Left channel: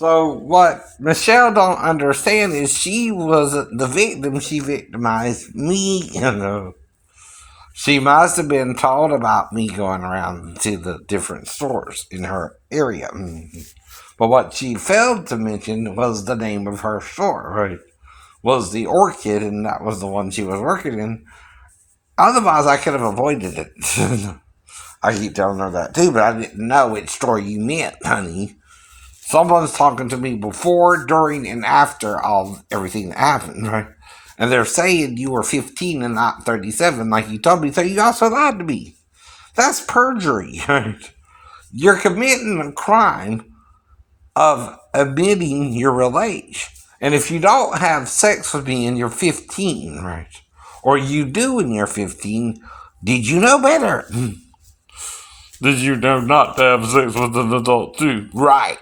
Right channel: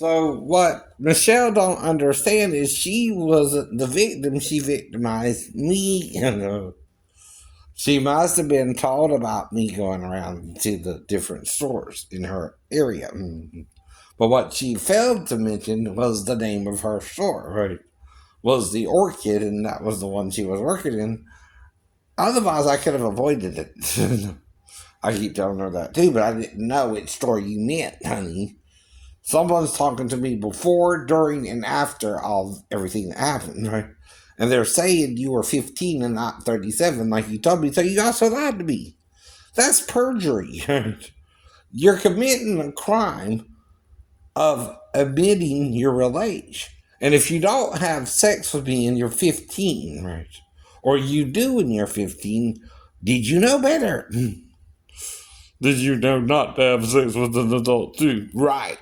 So what Michelle don't understand is she wasn't the victim. She victimized me. She must have been told about me going around to the different stores in her area. But what she failed to mention was the name of her store, right? Was the Orchid, and that was the one she was working in. Otherwise, I could have avoided it. I keep telling her that too, but I didn't know which store you meant, honey. Someone's talking to me before, during, and after everything that happened, right? And they're saying you were 15 and not 37, like you told me, so you also lied to me. That's perjury, right? You're committing a crime of admitting your real age. And if you don't have sex with me and you're 15, right? Or you do when you're 15, did you know better? Did you know not to have sex with an adult too? Right.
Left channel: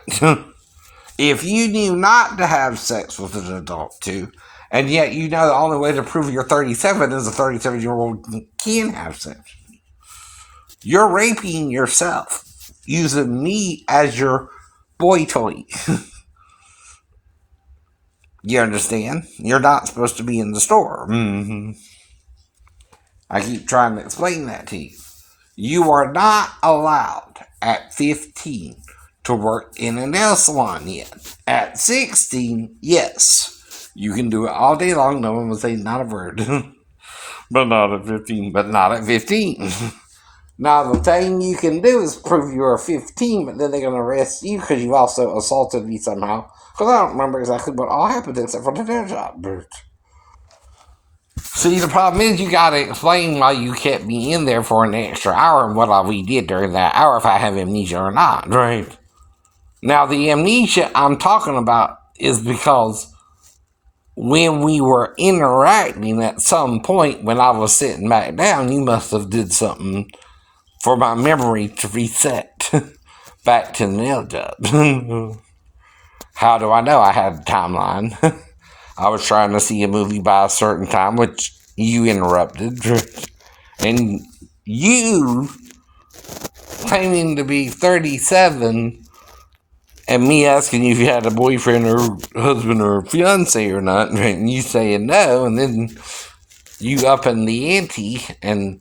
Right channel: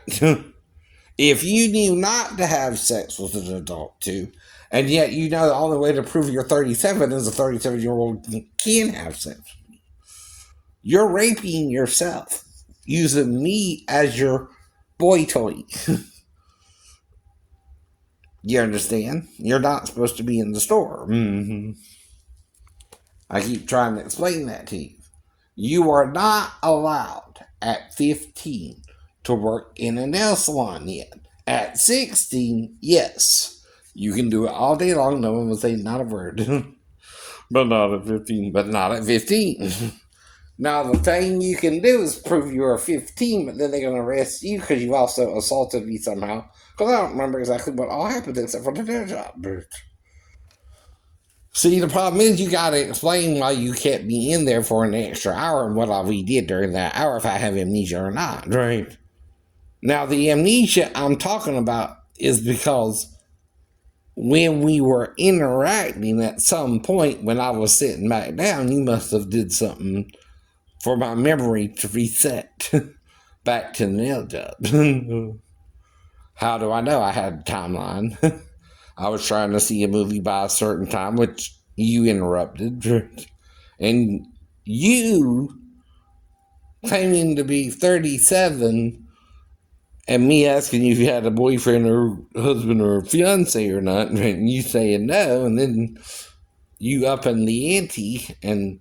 If you knew not to have sex with an adult too, and yet you know the only way to prove you're 37 is a 37-year-old can have sex with me, you're raping yourself using me as your boy toy. You understand? You're not supposed to be in the store. I keep trying to explain that to you. You are not allowed at 15 to work in a nail salon yet. At 16, yes. You can do it all day long. No one will say not a word. But not at 15. But not at 15. Now, the thing you can do is prove you are 15, but then they're going to arrest you because you also assaulted me somehow. Because I don't remember exactly what all happened except for the nail job. See, the problem is you gotta explain why you kept me in there for an extra hour and what all we did during that hour, if I have amnesia or not, right? Now, the amnesia I'm talking about is because when we were interacting at some point when I was sitting back down, you must have did something for my memory to reset back to the nail job. How do I know? I had a timeline. I was trying to see a movie by a certain time, which you interrupted. And you claiming to be 37 and me asking you if you had a boyfriend or husband or fiance or not, and you saying no, and then you upping the ante and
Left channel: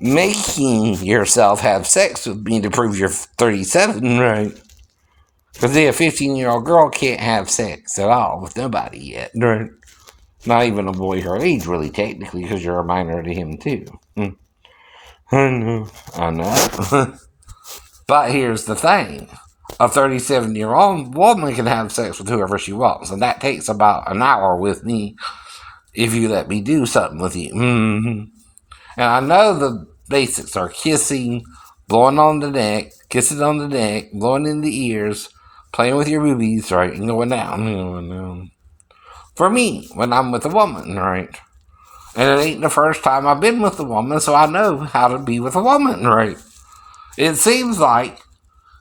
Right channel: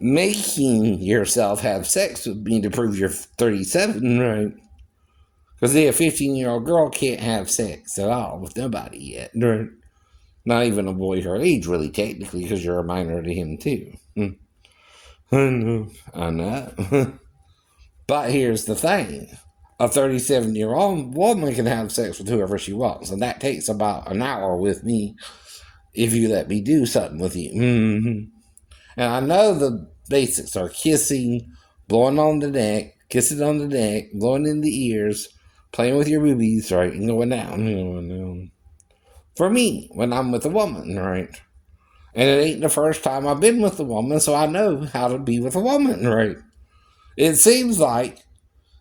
making yourself have sex with me to prove you're 37, right? Because a 15-year-old girl can't have sex at all with nobody yet, right? Not even a boy her age, really, technically, because you're a minor to him, too. I know. But here's the thing. A 37-year-old woman can have sex with whoever she wants, and that takes about an hour with me if you let me do something with you. And I know the basics are kissing, blowing on the neck, kissing on the neck, blowing in the ears, playing with your boobies, right, and going down. For me, when I'm with a woman, right? And it ain't the first time I've been with a woman, so I know how to be with a woman, right? It seems like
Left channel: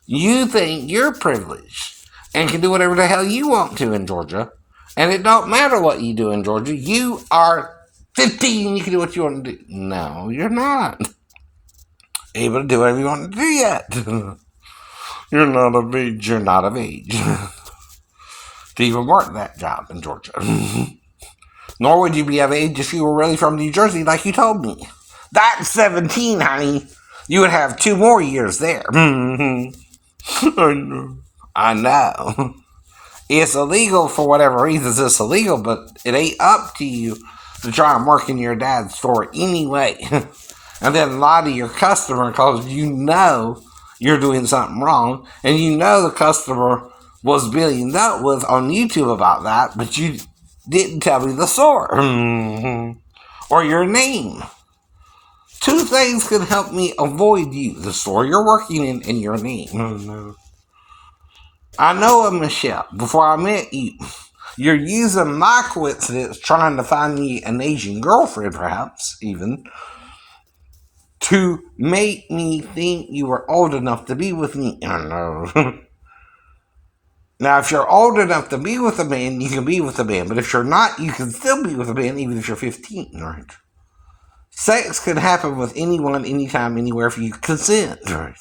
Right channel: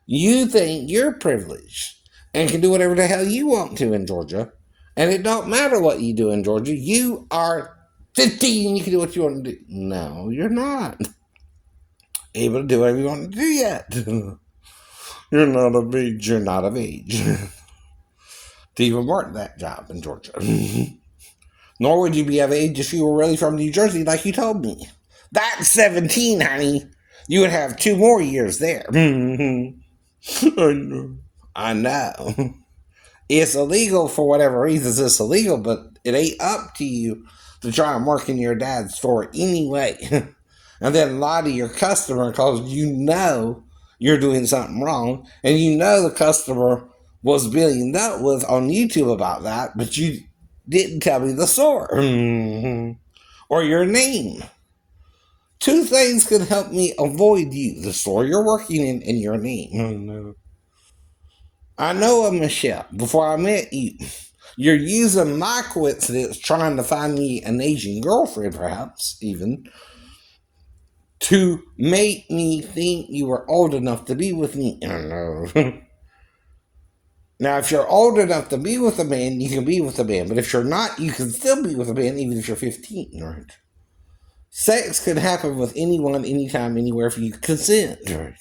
you think you're privileged and can do whatever the hell you want to in Georgia. And it don't matter what you do in Georgia. You are 15, you can do what you want to do. No, you're not able to do whatever you want to do yet. You're not of age. You're not of age to even work that job in Georgia. Nor would you be of age if you were really from New Jersey, like you told me. That's 17, honey. You would have 2 more years there. I know. I know. It's illegal for whatever reasons. It's illegal, but it ain't up to you to try and work in your dad's store anyway. And then lie to your customer because you know you're doing something wrong, and you know the customer was being dealt with on YouTube about that, but you didn't tell me the store or your name. 2 things can help me avoid you: the store you're working in and your name. I know a Michele before I met you. You're using my coincidence trying to find me an Asian girlfriend, perhaps, even, to make me think you were old enough to be with me. I know. Now, if you're old enough to be with a man, you can be with a man. But if you're not, you can still be with a man even if you're 15, right? Sex can happen with anyone, anytime, anywhere if you consent, right?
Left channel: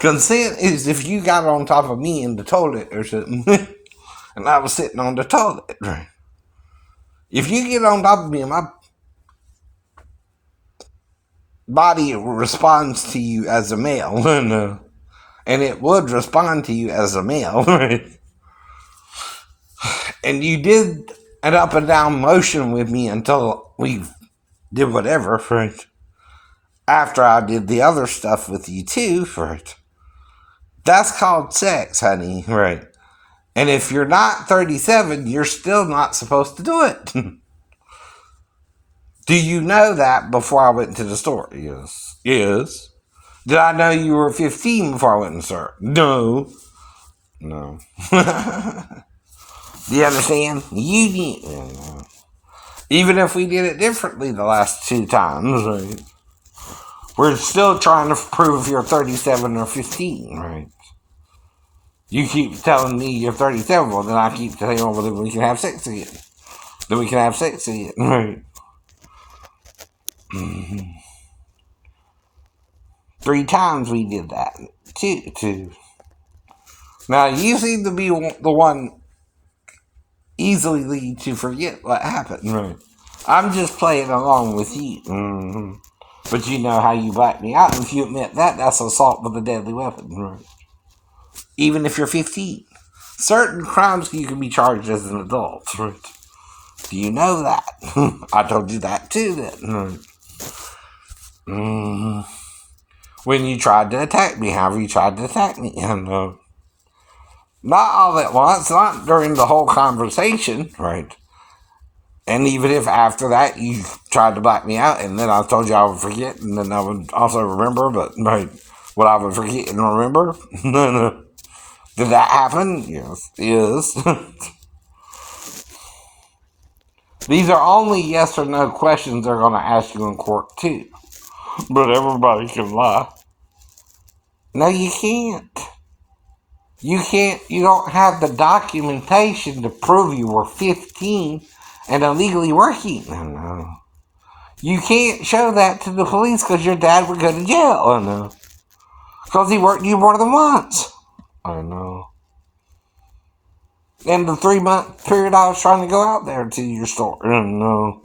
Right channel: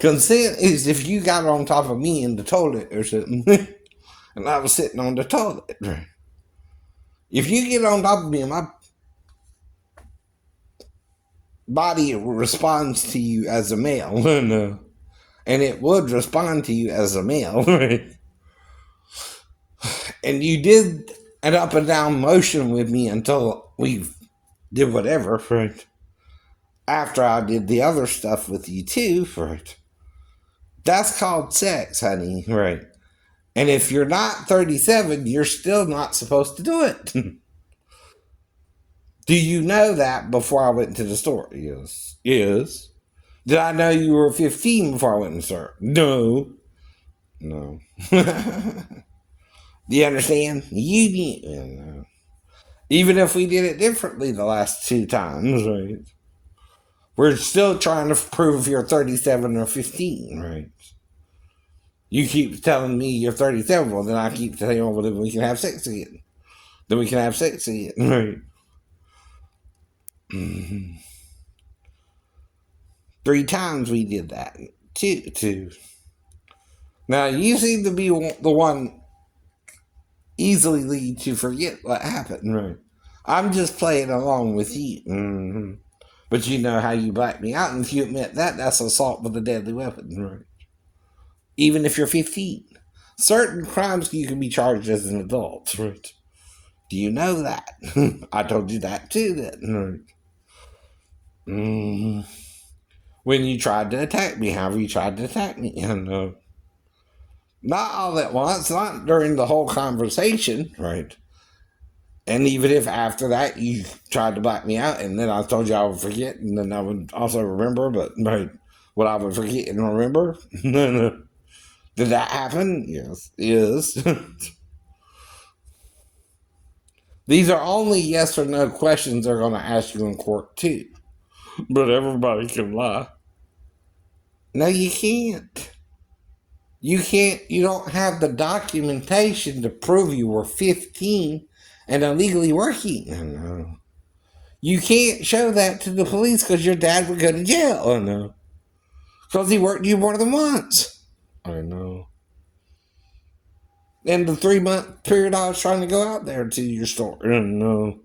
Consent is if you got on top of me in the toilet or something, and I was sitting on the toilet. Right? If you get on top of me and my body responds to you as a male, and it would respond to you as a male, right? And you did an up and down motion with me until we did whatever, right? After I did the other stuff with you too, right? That's called sex, honey, right? And if you're not 37, you're still not supposed to do it. Do you know that before I went to the store? Yes. Yes. Did I know you were 15 before I went in the store? No. No. Do you understand? You need. Even if we did it differently the last 2 times, right? We're still trying to prove you're 37 or 15, right? You keep telling me you're 37, well, then I keep telling you, well, then we can have sex again. Then we can have sex again, right? 3 times we did that. Two. Now, you seem to be the one easily to forget what happened, right? I'm just playing along with you. Mm-hmm. But you know how you black me out, and if you admit that, that's assault with a deadly weapon, right? Even if you're 15. Certain crimes you can be charged as an adult, right? Do you know that? I told you that too, then. Right? When you tried to attack me, however you tried to attack me, and not all at once, not during the whole conversation, right? And even if after that you tried to black me out, and then I told you I would forget, and then I would also remember, but right, what I would forget and remember? No. Did that happen? Yes. Yes. These are only yes or no questions they're going to ask you in court, too. But everybody can lie. No, you can't. You don't have the documentation to prove you were 15 and illegally working. No. You can't show that to the police because your dad would go to jail. I know. Because he worked you more than once. I know. And the 3-month period I was trying to go out there to your store. I know.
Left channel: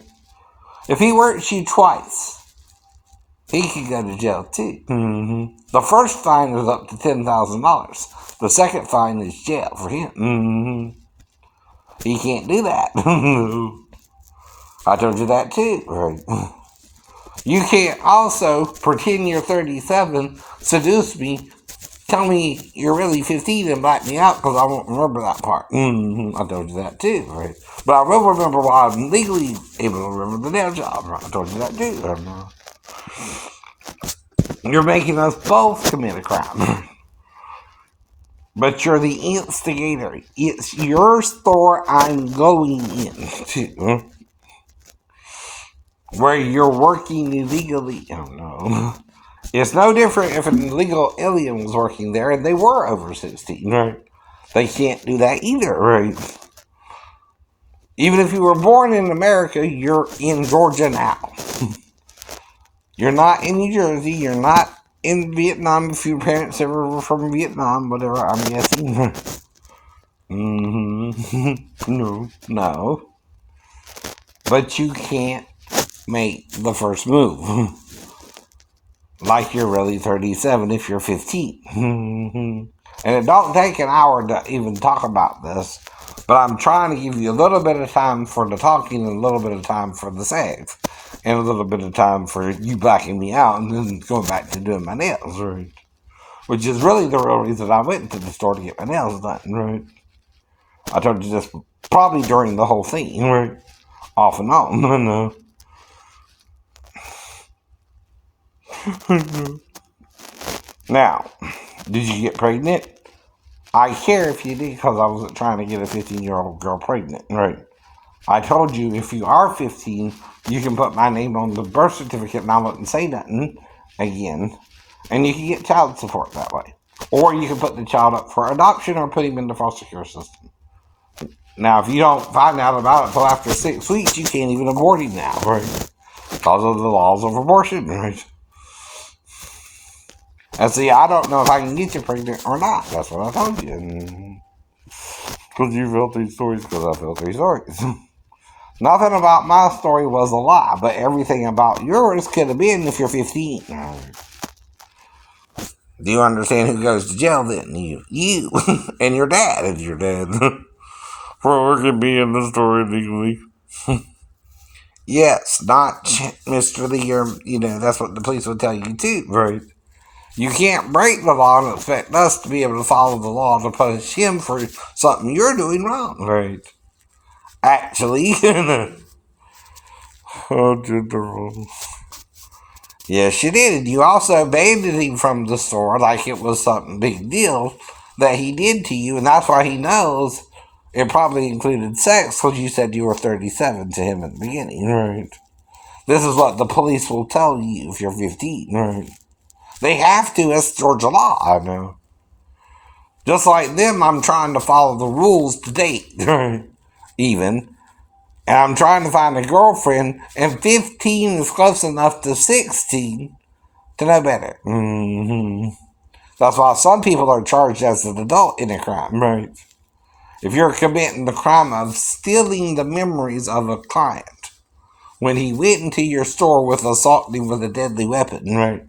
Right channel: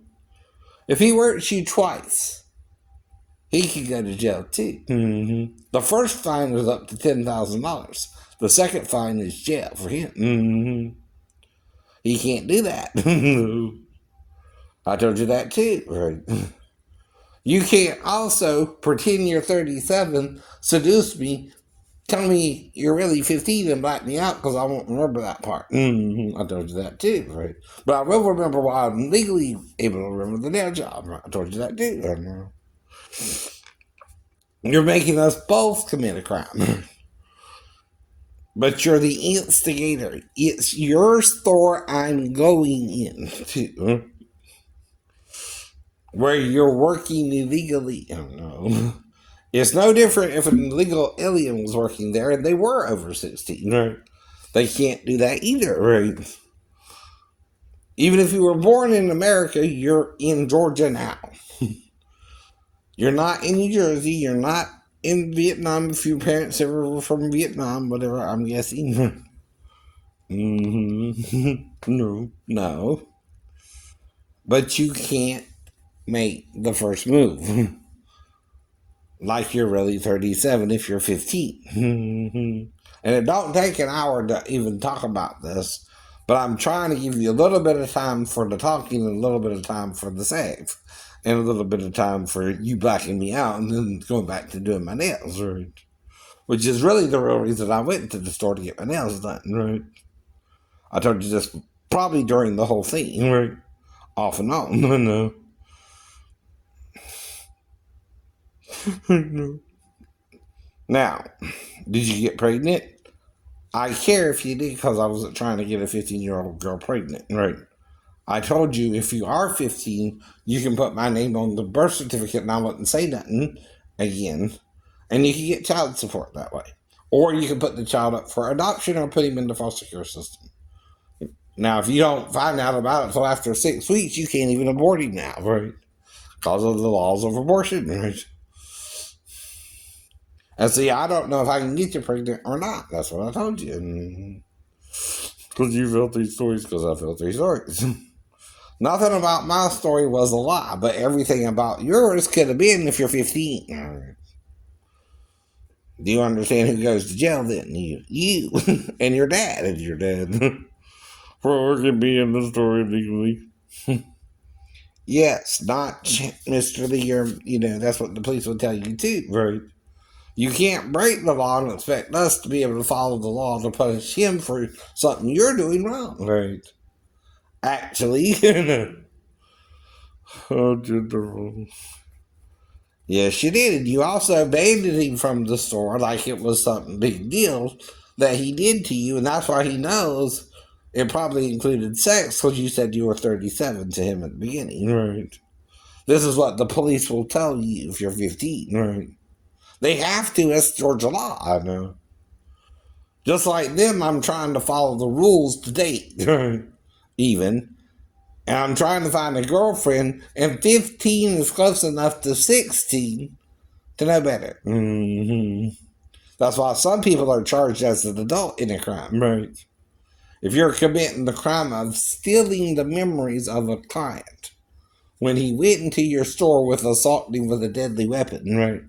If he works you twice, he could go to jail too. Mm-hmm. The first fine is up to $10,000. The second fine is jail for him. Mm-hmm. He can't do that. I told you that too. Right. You can't also pretend you're 37, seduce me, tell me you're really 15 and black me out because I won't remember that part. Mm-hmm. I told you that too, right? But I will remember why I'm legally able to remember the nail job. Right? I told you that too. You're making us both commit a crime. But you're the instigator. It's your store I'm going into. Where you're working illegally. Oh no. It's no different if an illegal alien was working there and they were over 16, right? They can't do that either, right? Even if you were born in America, you're in Georgia now. You're not in New Jersey. You're not in Vietnam if your parents ever were from Vietnam, whatever, I'm guessing. No. But you can't make the first move. Like you're really 37 if you're 15. And it don't take an hour to even talk about this, but I'm trying to give you a little bit of time for the talking and a little bit of time for the sex. And a little bit of time for you blacking me out and then going back to doing my nails, right? Which is really the real reason I went to the store to get my nails done, right? I told you this probably during the whole thing, right? Off and on, no. Now, did you get pregnant? I care if you did because I wasn't trying to get a 15-year-old girl pregnant, right? I told you if you are 15, you can put my name on the birth certificate and I wouldn't say nothing again. And you can get child support that way. Or you can put the child up for adoption or put him in the foster care system. Now, if you don't find out about it until after 6 weeks, you can't even abort him now, right? Because of the laws of abortion, right? And see, I don't know if I can get you pregnant or not. That's what I told you. Because you felt these stories, because I felt these stories. Nothing about my story was a lie, but everything about yours could have been if you're 15. Do you understand who goes to jail then? You. And your dad if you're dead. For working me in the story legally. Yes, not Mr. Lee, or, that's what the police would tell you too, right? You can't break the law and expect us to be able to follow the law to punish him for something you're doing wrong, right? Actually, oh, General. Yes, you did. And you also abandoned him from the store like it was something big deal that he did to you, and that's why he knows it probably included sex, because you said you were 37 to him at the beginning, right? This is what the police will tell you if you're 15, right? They have to, it's Georgia law, I know. Just like them, I'm trying to follow the rules to date, even. And I'm trying to find a girlfriend, and 15 is close enough to 16 to know better. Mm-hmm. That's why some people are charged as an adult in a crime, right? If you're committing the crime of stealing the memories of a client when he went into your store with assaulting with a deadly weapon, right?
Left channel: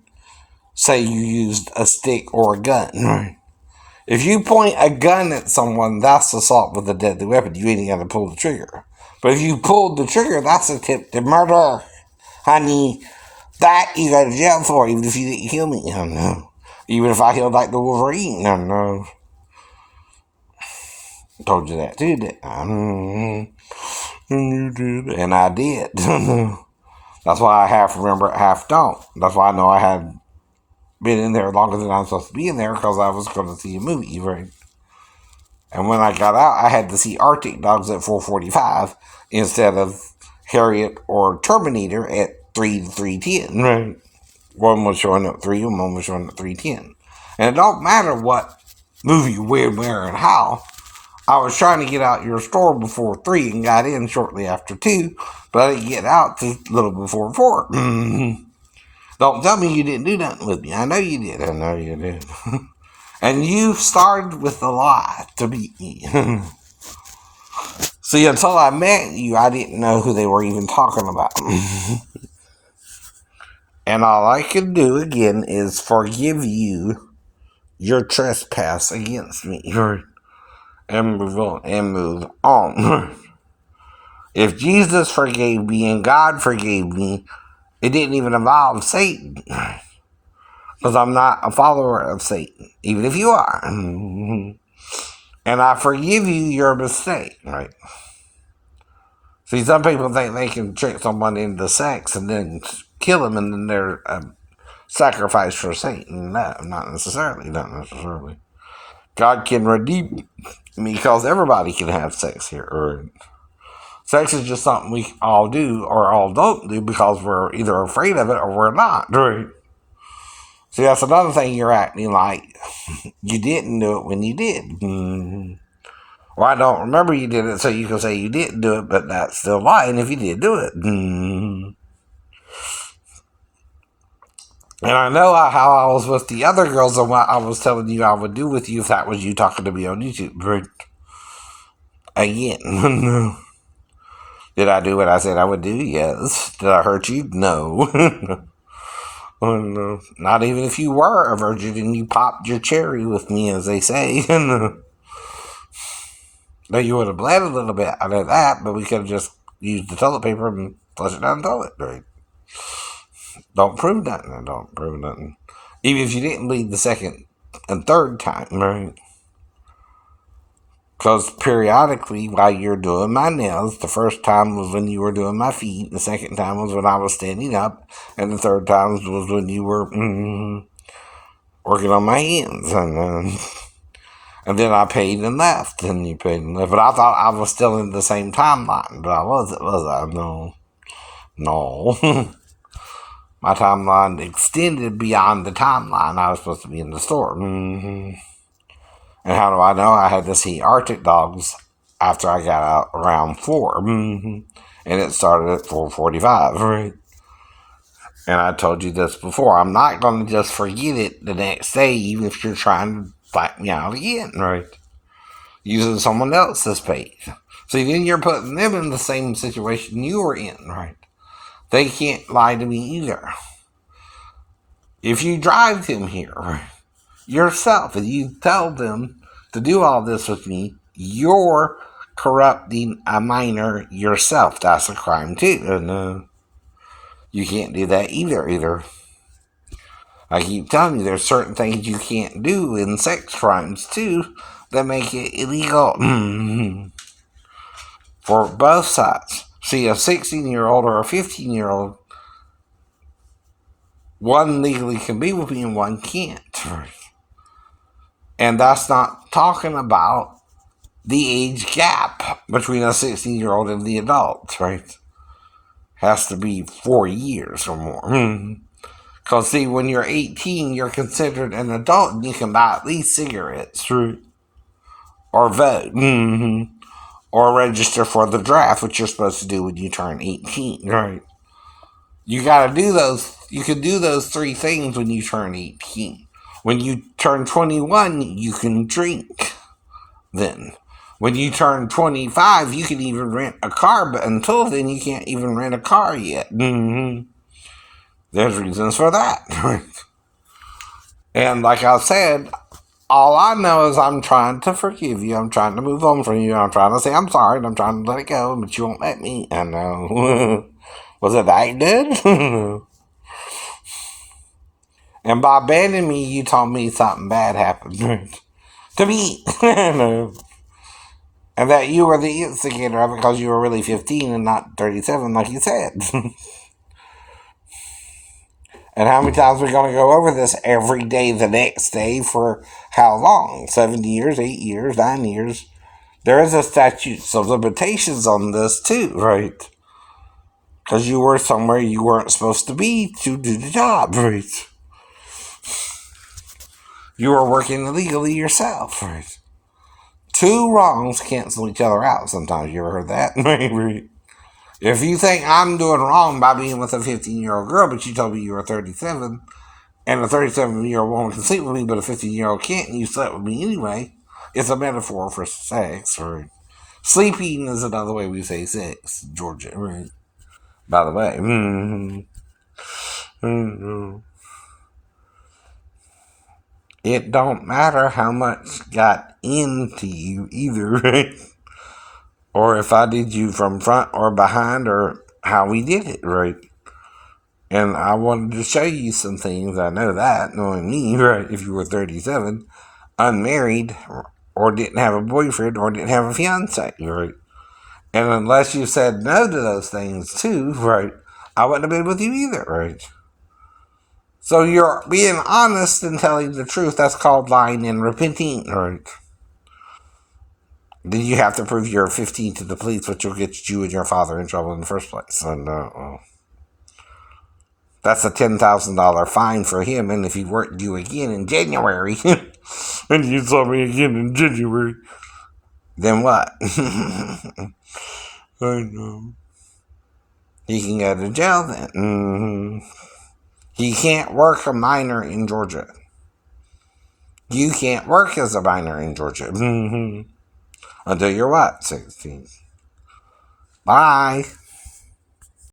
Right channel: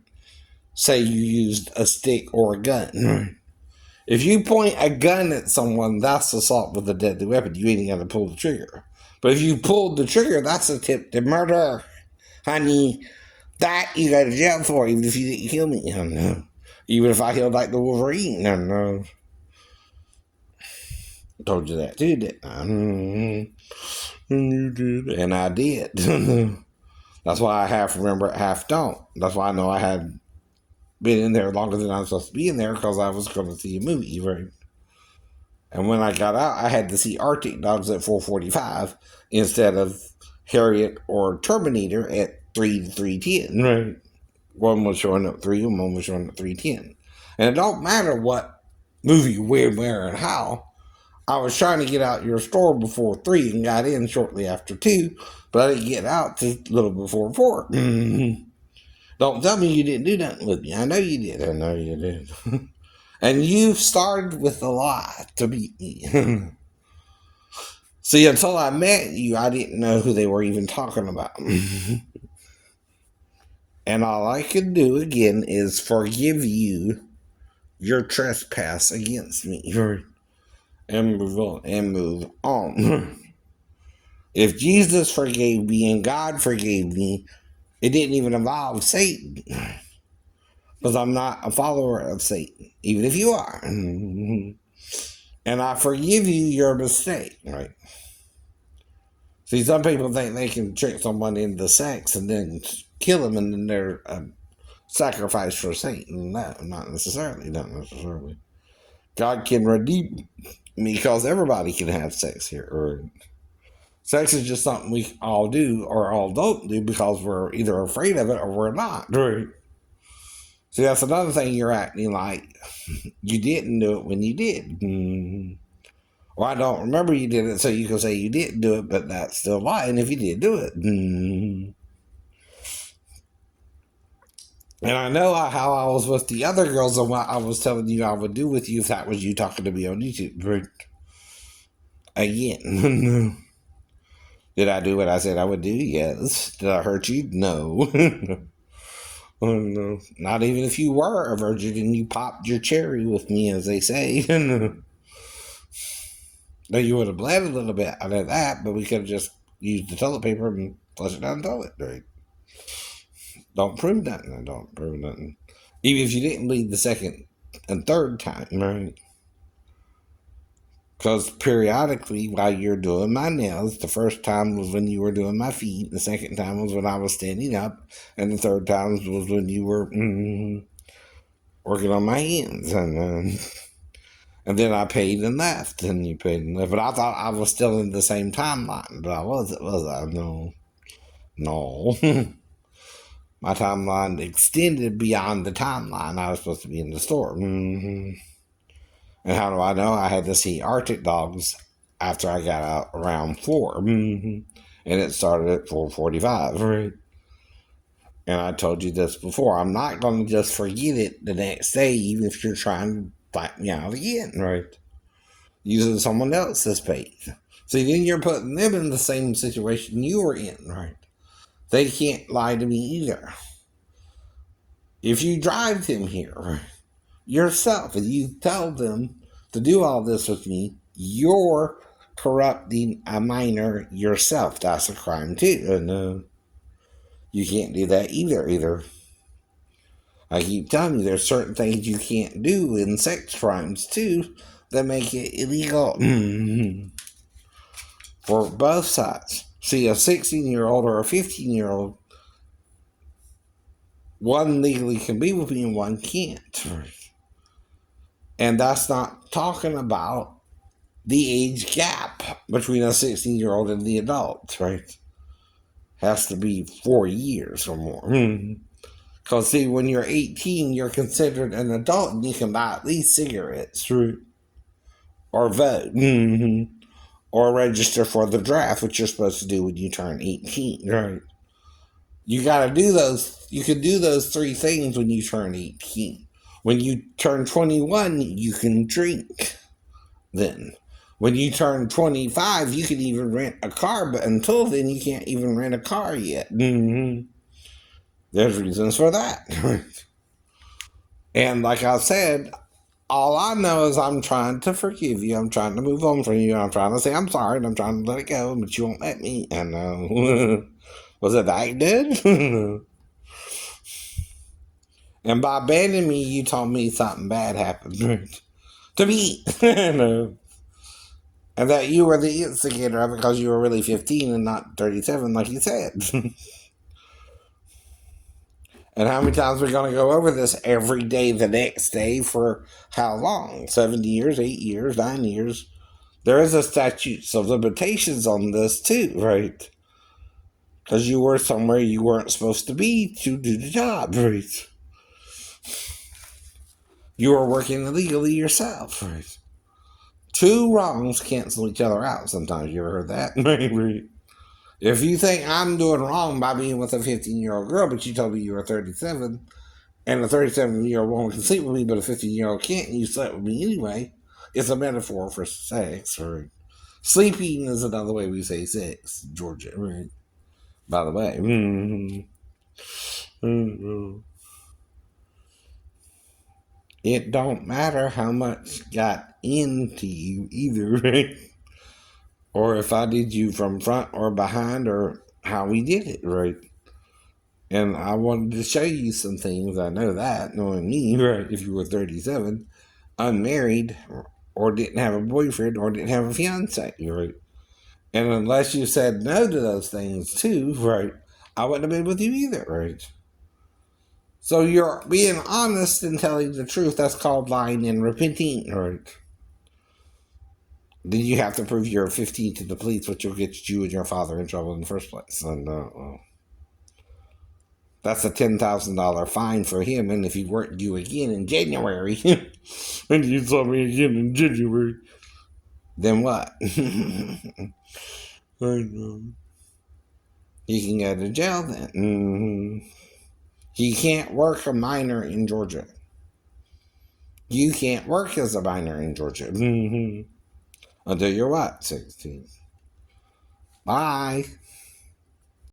Say you used a stick or a gun, right? If you point a gun at someone, that's assault with a deadly weapon. You ain't got to pull the trigger. But if you pulled the trigger, that's a tip to murder. Honey, that you go to jail for, even if you didn't kill me. I don't know. Even if I killed like the Wolverine. I don't know. Told you that too, didn't I? You did. And I did. That's why I half remember it, half don't. That's why I know I had been in there longer than I'm supposed to be in there, because I was going to see a movie, right? And when I got out, I had to see Arctic Dogs at 4:45 instead of Harriet or Terminator at 3 to 3:10. Right. One was showing up 3 and one was showing up 3:10. And it don't matter what movie, where, and how. I was trying to get out your store before 3 and got in shortly after 2, but I didn't get out till a little before 4. Don't tell me you didn't do nothing with me. I know you did. I know you did. And you started with the lie to beat me. See, until I met you, I didn't know who they were even talking about. And all I can do again is forgive you your trespass against me. And move on. If Jesus forgave me and God forgave me, it didn't even involve Satan. Because I'm not a follower of Satan, even if you are. And I forgive you your mistake, right? See, some people think they can trick someone into sex and then kill them, and then they're a sacrifice for Satan. No, not necessarily. Not necessarily. God can redeem me, because everybody can have sex here. Or sex is just something we all do or all don't do because we're either afraid of it or we're not. Right? See, that's another thing you're acting like you didn't do it when you did. Well, I don't remember you did it, so you can say you didn't do it, but that's still lying if you did do it. And I know how I was with the other girls and what I was telling you I would do with you if that was you talking to me on YouTube. But again, did I do what I said I would do? Yes. Did I hurt you? No. Not even if you were a virgin and you popped your cherry with me, as they say. Now, you would have bled a little bit out of that, but we could have just used the toilet paper and flush it down the toilet, right? Don't prove nothing. Don't prove nothing. Even if you didn't bleed the second and third time, right? Because periodically, while you're doing my nails, the first time was when you were doing my feet, the second time was when I was standing up, and the third time was when you were working on my hands. And then I paid and left, and you paid and left. But I thought I was still in the same timeline, but I wasn't, was I? No. My timeline extended beyond the timeline I was supposed to be in the store. And how do I know? I had to see Arctic Dogs after I got out around 4. And it started at 4:45, right? And I told you this before. I'm not going to just forget it the next day, even if you're trying to fight me out again, right? Using someone else's page. See, then you're putting them in the same situation you were in, right? They can't lie to me either. If you drive them here yourself and you tell them to do all this with me, you're corrupting a minor yourself. That's a crime too. And you can't do that either. I keep telling you, there's certain things you can't do in sex crimes too that make it illegal for both sides. See, a 16-year-old or a 15-year-old, one legally can be with me and one can't. And that's not talking about the age gap between a 16-year-old and the adult, right? Has to be 4 years or more. Because, see, when you're 18, you're considered an adult and you can buy at least cigarettes, right? Or vote, or register for the draft, which you're supposed to do when you turn 18, right? You gotta do those, you can do those three things when you turn 18. When you turn 21, you can drink then. When you turn 25, you can even rent a car, but until then, you can't even rent a car yet. There's reasons for that. And like I said, all I know is I'm trying to forgive you. I'm trying to move on from you. I'm trying to say I'm sorry and I'm trying to let it go, but you won't let me. I know. Was it that good? And by abandoning me, you told me something bad happened to me. No. And that you were the instigator of it because you were really 15 and not 37, like you said. And how many times are we going to go over this every day, the next day, for how long? 7 years, 8 years, 9 years. There is a statute of limitations on this too, right? Because you were somewhere you weren't supposed to be to do the job, right? You were working illegally yourself, right? Two wrongs cancel each other out sometimes. You ever heard that? Maybe. If you think I'm doing wrong by being with a 15-year-old girl, but you told me you were 37, and a 37-year-old woman can sleep with me, but a 15-year-old can't, and you slept with me anyway, it's a metaphor for sex, right? Sleeping is another way we say sex in Georgia, right? By the way. It don't matter how much got into you either, right? Or if I did you from front or behind or how we did it, right? And I wanted to show you some things. I know that, knowing me, right? If you were 37, unmarried, or didn't have a boyfriend, or didn't have a fiance, right? And unless you said no to those things too, right? I wouldn't have been with you either, right? So you're being honest and telling the truth. That's called lying and repenting, right? Then you have to prove you're 15 to the police, which will get you and your father in trouble in the first place. And that's a $10,000 fine for him. And if he worked you again in January, and you saw me again in January, then what? I know. He can go to jail then. He can't work a minor in Georgia. You can't work as a minor in Georgia. Until you're what? 16. Bye.